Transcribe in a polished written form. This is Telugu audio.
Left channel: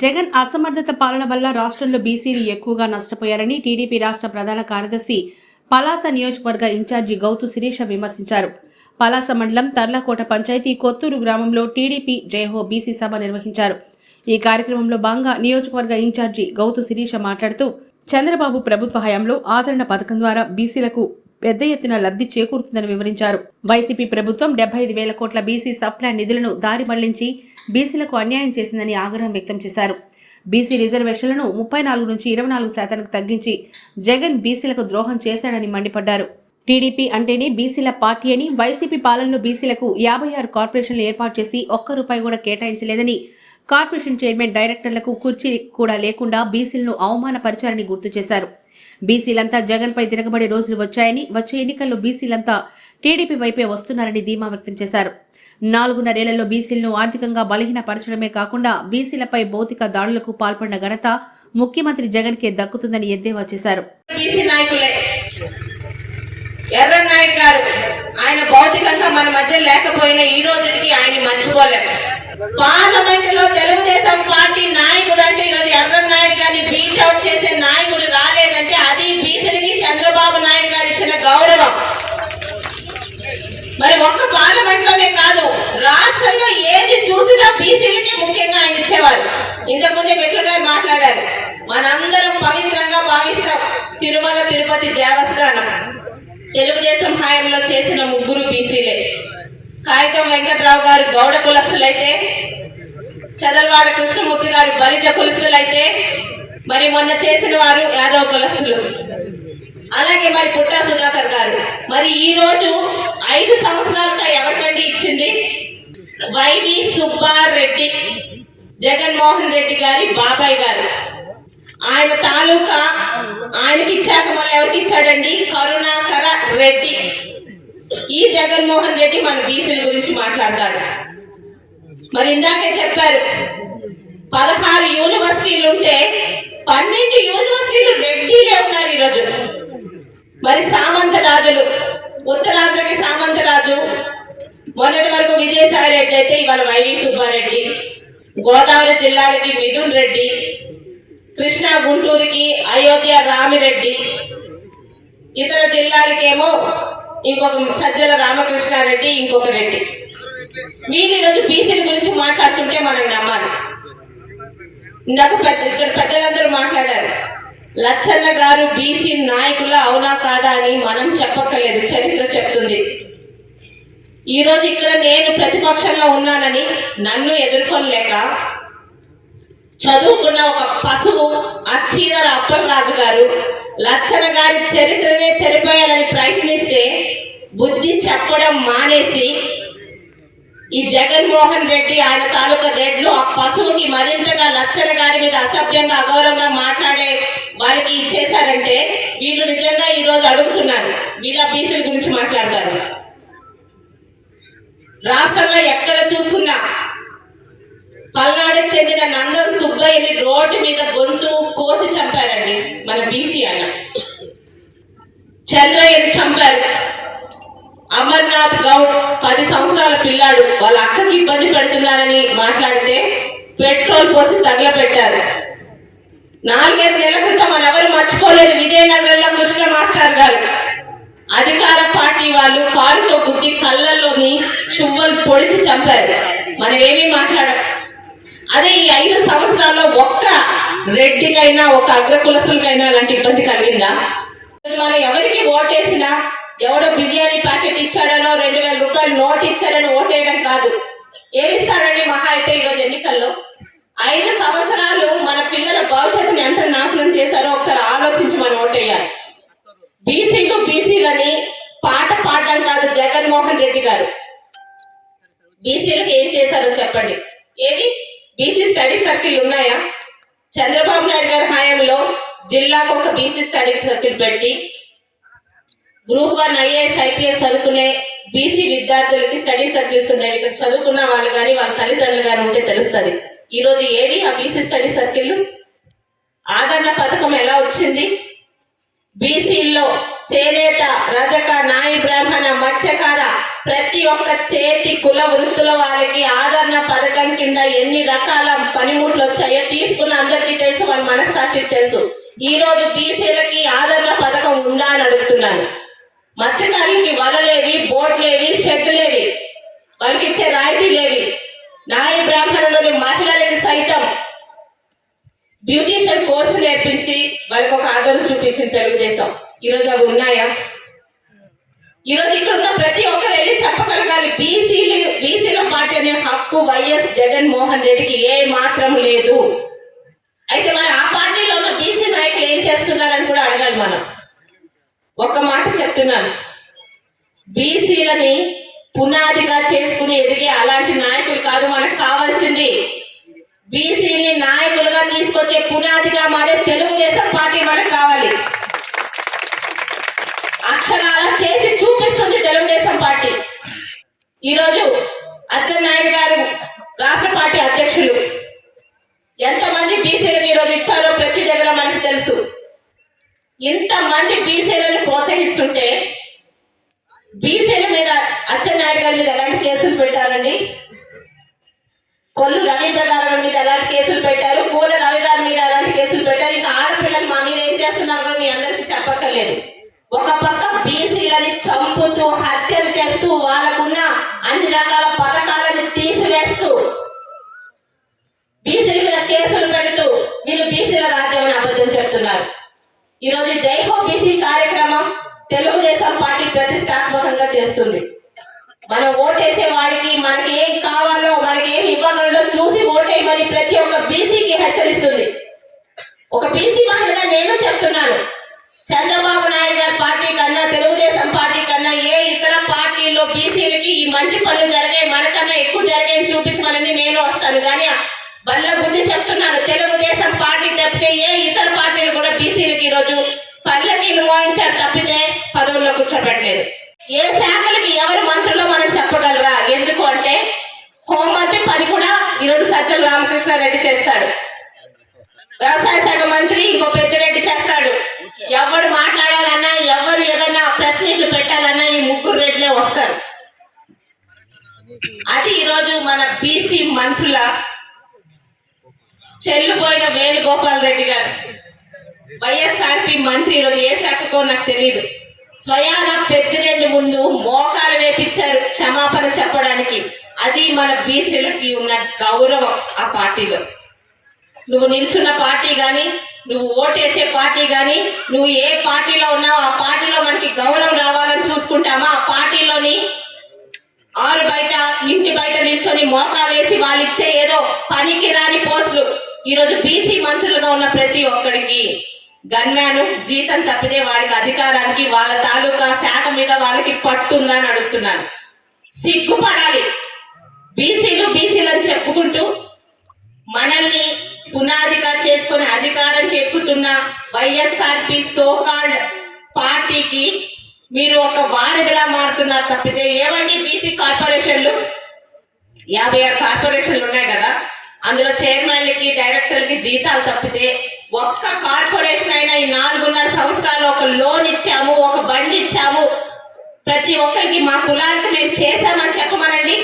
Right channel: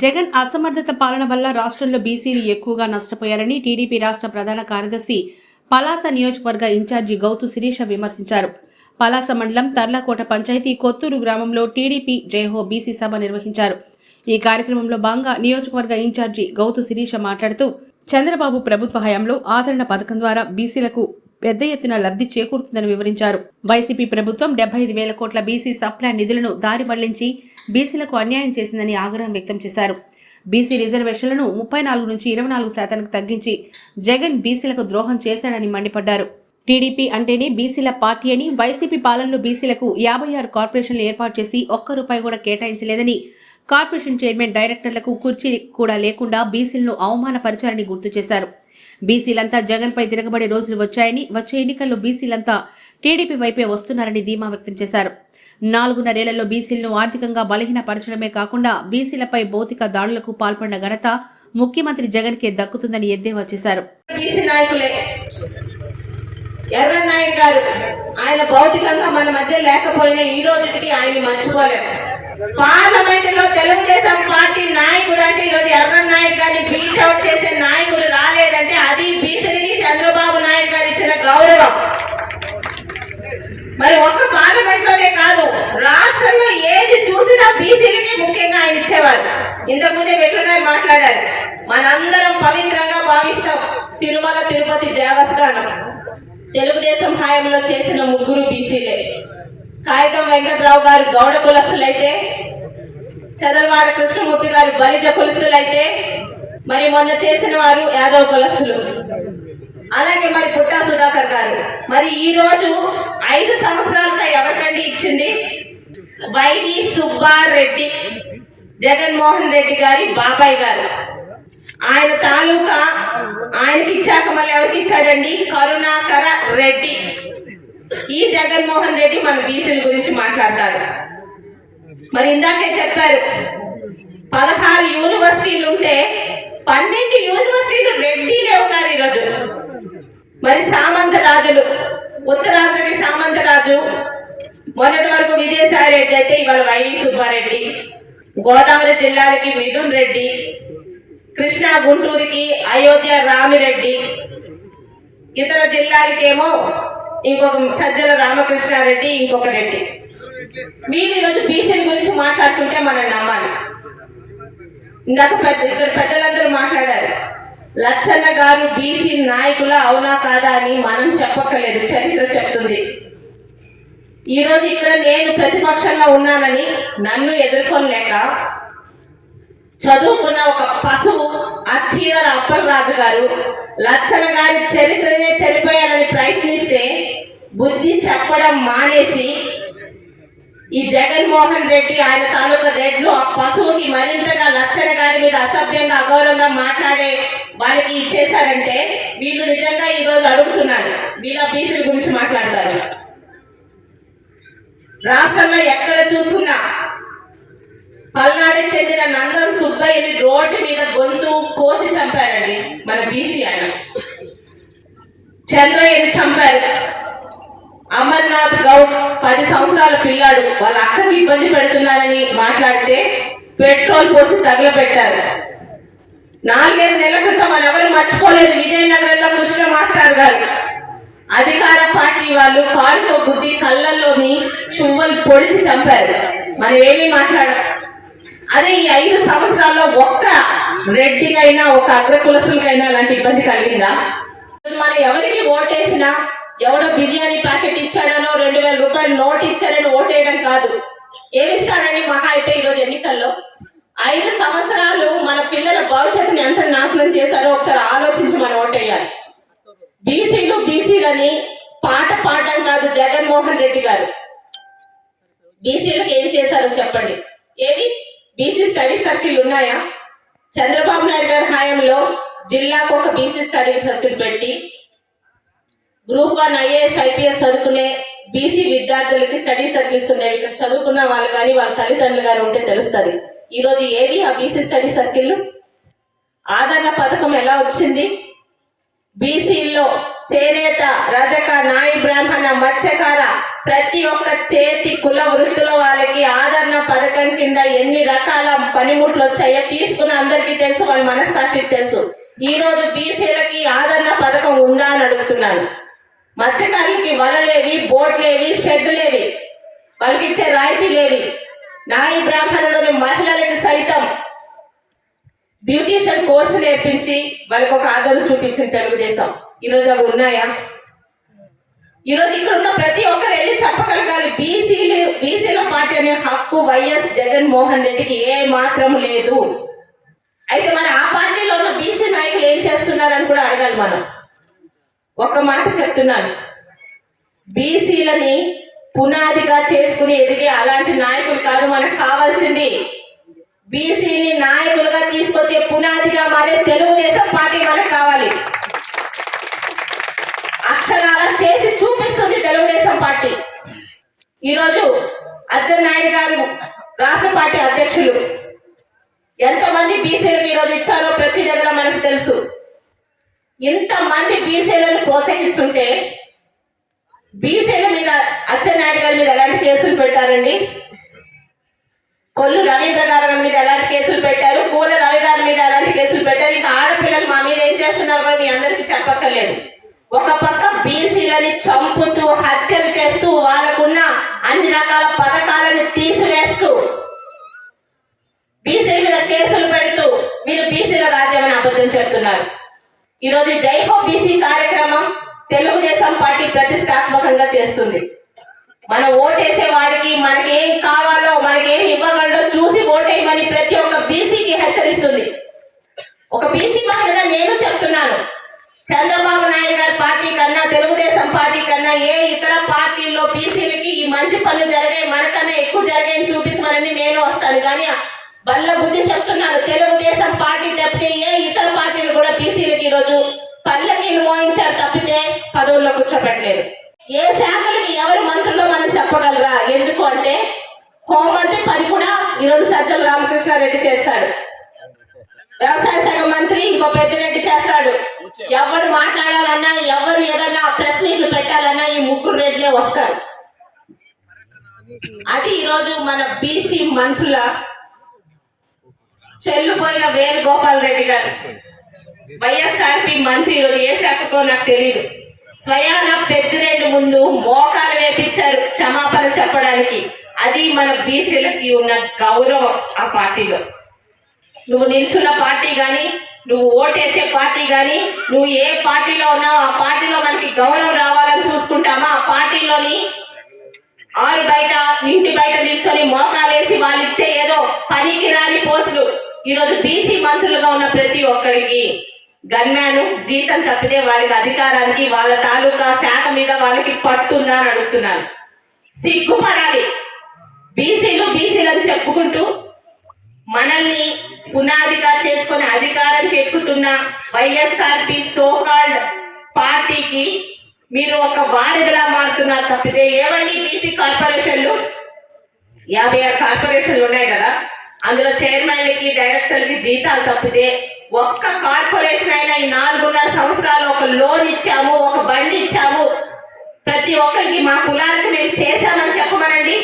జగన్ అసమర్థత పాలన వల్ల రాష్ట్రంలో బీసీలు ఎక్కువగా నష్టపోయారని టీడీపీ రాష్ట్ర ప్రధాన కార్యదర్శి పలాస నియోజకవర్గ ఇన్ఛార్జి గౌతు శిరీష విమర్శించారు. పలాస మండలం తర్లకోట పంచాయతీ కొత్తూరు గ్రామంలో టీడీపీ జయహో బీసీ సభ నిర్వహించారు. ఈ కార్యక్రమంలో భాగంగా నియోజకవర్గ ఇన్ఛార్జి గౌతు శిరీష మాట్లాడుతూ చంద్రబాబు ప్రభుత్వ హయాంలో ఆదరణ పథకం ద్వారా బీసీలకు పెద్ద ఎత్తున లబ్ధి చేకూరుతుందని వివరించారు. వైసీపీ ప్రభుత్వం 75,000 కోట్ల బీసీ సప్లాన్ నిధులను దారి మళ్లించి బీసీలకు అన్యాయం చేసిందని ఆగ్రహం వ్యక్తం చేశారు. బీసీ రిజర్వేషన్లను 34 నుంచి 24% తగ్గించి జగన్ బీసీలకు ద్రోహం చేశాడని మండిపడ్డారు. టీడీపీ అంటేనే బీసీల పార్టీ అని, వైసీపీ పాలనలో బీసీలకు 56 కార్పొరేషన్లు ఏర్పాటు చేసి ఒక్క రూపాయి కూడా కేటాయించలేదని, కార్పొరేషన్ చైర్మన్ డైరెక్టర్లకు కుర్చీ కూడా లేకుండా బీసీలను అవమానపరిచారని గుర్తు చేశారు. బీసీలంతా జగన్పై తిరగబడే రోజులు వచ్చాయని, వచ్చే ఎన్నికల్లో బీసీలంతా టీడీపీ వైపే వస్తున్నారని ధీమా వ్యక్తం చేశారు. 4.5 ఏళ్లలో బీసీలను ఆర్థికంగా బలహీనపరచడమే కాకుండా బీసీలపై భౌతిక దాడులకు పాల్పడిన ఘనత ముఖ్యమంత్రి జగన్కే దక్కుతుందని ఎద్దేవా చేశారు. ఎర్రన్నాయుడు గారు ఆయన భౌతికంగా మన మధ్య లేకపోయినా ఈ రోజుకి ఆయన మర్చిపోలేదు. పార్లమెంట్ లో తెలుగుదేశం పార్టీ నాయకుడు అంటే ఈరోజు ఎర్రన్నాయుడు గారిని బీట్అవుట్ చేసే నాయకుడు రాలేదంటే అది బీసీకి చంద్రబాబు నాయుడు గారు ఇచ్చిన గౌరవం. మరి ఒక్క పార్లమెంట్ లోనే కాదు, రాష్ట్రంలో ఏది చూసినా బీసీలకి ముఖ్యంగా ఆయన ఇచ్చేవారు. ఇంతకుముందే వెట్ల గారు మాట్లాడారు, మనందరం పవిత్రంగా భావిస్తాం తిరుమల తిరుపతి దేవస్థానం. తెలుగుదేశం హయాంలో చేసిన 3 బీసీలే. కాగితం వెంకట్రావు గారు గౌడ కులస్తులైతే, చదలవాడ కృష్ణమూర్తి గారు బలిజ కులస్తులైతే, మరి మొన్న చేసిన వారు యాదవ కులస్తులు. అలాగే మరి పుట్టా సుధాకర్ గారు. మరి ఈ రోజు 5 సంవత్సరాలుగా ఎవరికండి ఇచ్చింది? వైవి సుబ్బారెడ్డి, జగన్మోహన్ రెడ్డి గారి బాబాయ్ గారు. ఆయన తాలూకా ఆయనకి ఇచ్చాక మళ్ళీ ఎవరికి ఇచ్చాడండి? కరుణాకర రెడ్డి. ఈ జగన్మోహన్ రెడ్డి మన బీసీల గురించి మాట్లాడతాడు. మరి ఇందాకే చెప్పారు 16 యూనివర్సిటీలు ఉంటే 12 యూనివర్సిటీలు రెడ్డిలే ఉన్నారు ఈరోజు. మరి సామంత రాజులు, ఉత్తరాంధ్రకి సామంత రాజు, మొన్నటి వరకు విజయసాయి రెడ్డి అయితే ఇవాళ వైవి సుబ్బారెడ్డి, గోదావరి జిల్లాలకి మిథున్ రెడ్డి, కృష్ణా గుంటూరుకి అయోధ్య రామిరెడ్డి, ఇతర జిల్లాలకేమో ఇంకొక సజ్జల రామకృష్ణారెడ్డి, ఇంకొక రెడ్డి. మీరు ఈరోజు బీసీల గురించి మాట్లాడుతుంటే మనం నమ్మాలి. ఇందాక ఇక్కడ పెద్దలందరూ మాట్లాడారు. లచ్చన్న గారు బీసీ నాయకుల అవునా కాదా అని మనం చెప్పక్కర్లేదు, చరిత్ర చెప్తుంది. ఈ రోజు ఇక్కడ నేను ప్రతిపక్షంలో ఉన్నానని నన్ను ఎదుర్కొనలేక చదువుకున్న ఒక పశువు అచ్చీదర అప్పలరాజు గారు లచ్చన్న గారి చరిత్రనే చెరిపోయాలని ప్రయత్నిస్తే బుద్ధి చెప్పడం మానేసి ఈ జగన్మోహన్ రెడ్డి ఆయన తాలూకా రెడ్లు ఆ పశువుకి మరింతగా లచ్చన్న గారి మీద అసభ్యంగా అగౌరవంగా మాట్లాడే వారికి ఇచ్చేశారంటే వీళ్ళు నిజంగా ఈ రోజు అడుగుతున్నారు, వీళ్ళ బీసీల గురించి మాట్లాడతారు. రాష్ట్రంలో ఎక్కడ చూసుకున్నా పల్నాడుకు చెందిన నందన్ సుబ్బయ్యని రోడ్డు మీద గొంతు కోసి చంపారండి మన బీసీ. ఆయన చంద్రయ్యని చంపారు. అమర్నాథ్ గౌడ్ 10 సంవత్సరాల పిల్లాడు వాళ్ళ అక్కకి ఇబ్బంది పెడుతున్నారని మాట్లాడితే పెట్రోల్ పోసి తగలబెట్టారు. 4-5 నెలల క్రితం మనం ఎవరు మర్చిపోలేదు, విజయనగరంలో కృష్ణ మాస్టర్ గారు అధికార పార్టీ వాళ్ళు కారుతో గుద్ది కళ్ళల్లోని చువ్వలు పొడిచి చంపారు. మనం ఏమీ మాట్లాడాం. అదే ఈ 5 సంవత్సరాల్లో ఒక్క రెడ్డికైనా ఒక అగ్రకులసులకైనా అలాంటి ఇబ్బంది కలిగిందా? మనం ఎవరికి ఓటేసినా ఎవడో బిర్యానీ ప్యాకెట్ ఇచ్చాడనో 2,000 రూపాయలు నోట్ ఇచ్చాడని ఓటేయడం కాదు. ఏమిస్తాడని మహా అయితే ఈరోజు ఎన్నికల్లో 5 సంవత్సరాలు మన పిల్లల భవిష్యత్తుని ఎంత నాశనం చేశారో ఒకసారి ఆలోచించి మనం ఓటేయాలి. బీసీలని పాట పాడడం కాదు జగన్మోహన్ రెడ్డి గారు. బీసీలకు ఏం చేశారో చెప్పండి. ఏవి బీసీ స్టడీ సర్కిల్ ఉన్నాయా? చంద్రబాబు నాయుడు గారి హయాంలో జిల్లాకు ఒక బీసీ స్టడీ సర్కిల్ పెట్టి గ్రూప్ 1 IAS IPS చదువుకునే బీసీ విద్యార్థులకి స్టడీ సర్కిల్స్ ఉండేవి. ఇక్కడ చదువుకున్న వాళ్ళు కానీ వాళ్ళ తల్లిదండ్రులు కానీ ఉంటే తెలుస్తుంది. ఈరోజు ఏవి ఆ బీసీ స్టడీ సర్కిల్? ఆదరణ పథకం ఎలా వచ్చింది? బీసీల్లో చేనేత, రజక, నాయి బ్రాహ్మణ, మత్స్యకార ప్రతి ఒక్క చేతి కుల వృత్తుల వారికి ఆదరణ పథకం కింద కింద ఎన్ని రకాల పనిముట్లు వచ్చాయో తీసుకున్న అందరికీ తెలుసు, వాళ్ళ మనస్సాక్షికి తెలుసు. ఈ రోజు బీసీలకి ఆదరణ పథకం ఉందా అని అడుగుతున్నాను. మత్స్యకారులకి వలలేవి, బోట్లేవి, షెడ్డులేవి, వాళ్ళకి ఇచ్చే రాయితీలేవి. నాయి బ్రాహ్మణులని మహిళలకి సైతం బ్యూటీషియన్ కోర్సు నేర్పించి వాళ్ళకి ఒక ఆదరణ చూపించింది తెలుగుదేశం. ఈరోజు అవి ఉన్నాయా? ఈరోజు ఇక్కడ ఉన్న ప్రతి ఒక్కరు వెళ్ళి చెప్పగలగాలి, బీసీల పార్టీ అనే హక్కు వైఎస్ జగన్మోహన్ రెడ్డికి ఏ మాత్రం లేదు. అయితే మరి ఆ పార్టీలో ఉన్న బీసీ నాయకులు ఏం చేస్తున్నారని కూడా అడగాలి మనం. ఒక్క మాట చెప్తున్నాను, బీసీలని పునాదిగా చేసుకుని ఎదిగే అలాంటి నాయకులు కాదు మనకు కావాల్సింది. బీసీని నాయకులుగా తీసుకొచ్చే పునాదిగా మారే తెలుగుదేశం పార్టీ మనకు కావాలి. అక్షరాల చేసి చూపిస్తుంది తెలుగుదేశం పార్టీ. ఈరోజు అచ్చెన్నాయుడు గారు రాష్ట్ర పార్టీ అధ్యక్షులు ఎంతమంది బీసీలకు ఈరోజు ఇచ్చారో ప్రతి దగ్గర మనకు తెలుసు. ఇంతమంది బీసీలను ప్రోత్సహిస్తుంటే బీసీల మీద అచ్చెన్నాయుడు గారి మీద ఎలాంటి కేసులు పెట్టారండి? కొల్లు రవీంద్ర గారి మీద ఎలాంటి కేసులు పెట్టారు, పూల రవి గారి మీద ఎలాంటి కేసులు పెట్టారు, ఇంకా ఆడపిల్లలు మా మీద ఏం చేస్తున్నారో మీ అందరికీ చెప్పక్కర్లేదు. ఒక పక్క బీసీలని చంపుతూ హత్యలు చేస్తూ వాళ్ళకున్న అన్ని రకాల పథకాలను తీసివేస్తూ బీసీల మీద కేసులు పెడుతూ వీళ్ళు బీసీల రాజ్యం అని అబద్ధం చెప్తున్నారు. ఈరోజు జై హో బీసీ కార్యక్రమం తెలుగుదేశం పార్టీ ప్రతిష్టాత్మకంగా చేస్తుంది. మనం ఓటేసే వాడికి మనకి ఏం కావాలో, మనకి ఏం ఇవ్వగలడో చూసి ఓటేయమని ప్రతి ఒక్క బీసీకి హెచ్చరిస్తుంది. ఒక బీసీ మహిళగా నేను చెప్తున్నాను, చంద్రబాబు నాయుడు గారి పార్టీ కన్నా, తెలుగుదేశం పార్టీ కన్నా ఏ ఇతర పార్టీల్లో బీసీలకి ఈ మంచి పనులు జరిగాయి, మనకన్నా ఎక్కువ జరిగాయని చూపించమని నేను వస్తాను. కానీ బల్ల బుద్ధి చెప్తున్నాను, తెలుగుదేశం పార్టీ తప్పితే ఏ ఇతర పార్టీలు కూడా బీసీలకి ఈరోజు పనులకి మోయించారు తప్పితే పదవుల్లో కూర్చోబెట్టలేదు. ఏ శాఖలకి ఎవరు మంత్రులు మనం చెప్పగలరా? ఎందుకు అంటే హోంమంత్రి పని కూడా ఈరోజు సజ్జల రామకృష్ణారెడ్డి చేస్తాడు, వ్యవసాయ శాఖ మంత్రి ఇంకో పెద్దిరెడ్డి చేస్తాడు. ఎవరు మాట్లాడాలన్నా, ఎవరు ఏదన్నా ప్రెస్ మీట్లు పెట్టాలన్నా ఈ ముగ్గురు రెడ్లే వస్తారు. అది ఈరోజు మన బీసీ మంత్రుల చెల్లుపోయిన వేణుగోపాల్ రెడ్డి గారు వైఎస్ఆర్పీ మంత్రి. ఈరోజు ఏ శాఖకో నాకు తెలియదు. స్వయాన పెద్దిరెడ్డి ముందు మోకాలు వేపించారు క్షమాపణ చెప్పడానికి. అది మన బీసీలకి ఉన్న గౌరవం. ఆ పార్టీలో నువ్వు నిల్చున్న పార్టీ కానీ, నువ్వు ఓటేసే పార్టీ కానీ, నువ్వు ఏ పార్టీలో ఉన్నావు ఆ పార్టీలో మనకి గౌరవం రావాలని చూసుకుంటామా? ఆ పార్టీలోని ఆరు బయట, ఇంటి బయట నిల్చొని మోకాలేసి వాళ్ళు ఇచ్చే ఏదో పనికి రాని పోస్టులు. ఈరోజు బీసీ మంత్రులుగా ఉన్న ప్రతి ఒక్కడికి గన్మ్యాను జీతం తప్పితే వాడికి అధికారానికి, వాళ్ళ తాలూకా శాఖ మీద వాళ్ళకి పట్టుందా అని అడుగుతున్నాను. సిగ్గుపడాలి. బీసీలని చెప్పుకుంటూ మనల్ని పునాదిగా చేసుకుని అధికారానికి ఎక్కుతున్న వైఎస్ఆర్పీ సోకాల్డ్ పార్టీకి మీరు ఒక వారధిలా మారుతున్నారు తప్పితే. ఏవండి బీసీ కార్పొరేషన్లు? 56 కార్పొరేషన్లు ఉన్నాయి కదా, అందులో చైర్మన్లకి, డైరెక్టర్లకి జీతాలు తప్పితే ఒక్క కార్పొరేషన్ అయినా ఈ 4.5 సంవత్సరాలు ఒక లోన్ ఇచ్చాము, ఒక బండి ఇచ్చాము, ప్రతి ఒక్కరికి మా కులానికి మేము చేశామని చెప్పమనండి.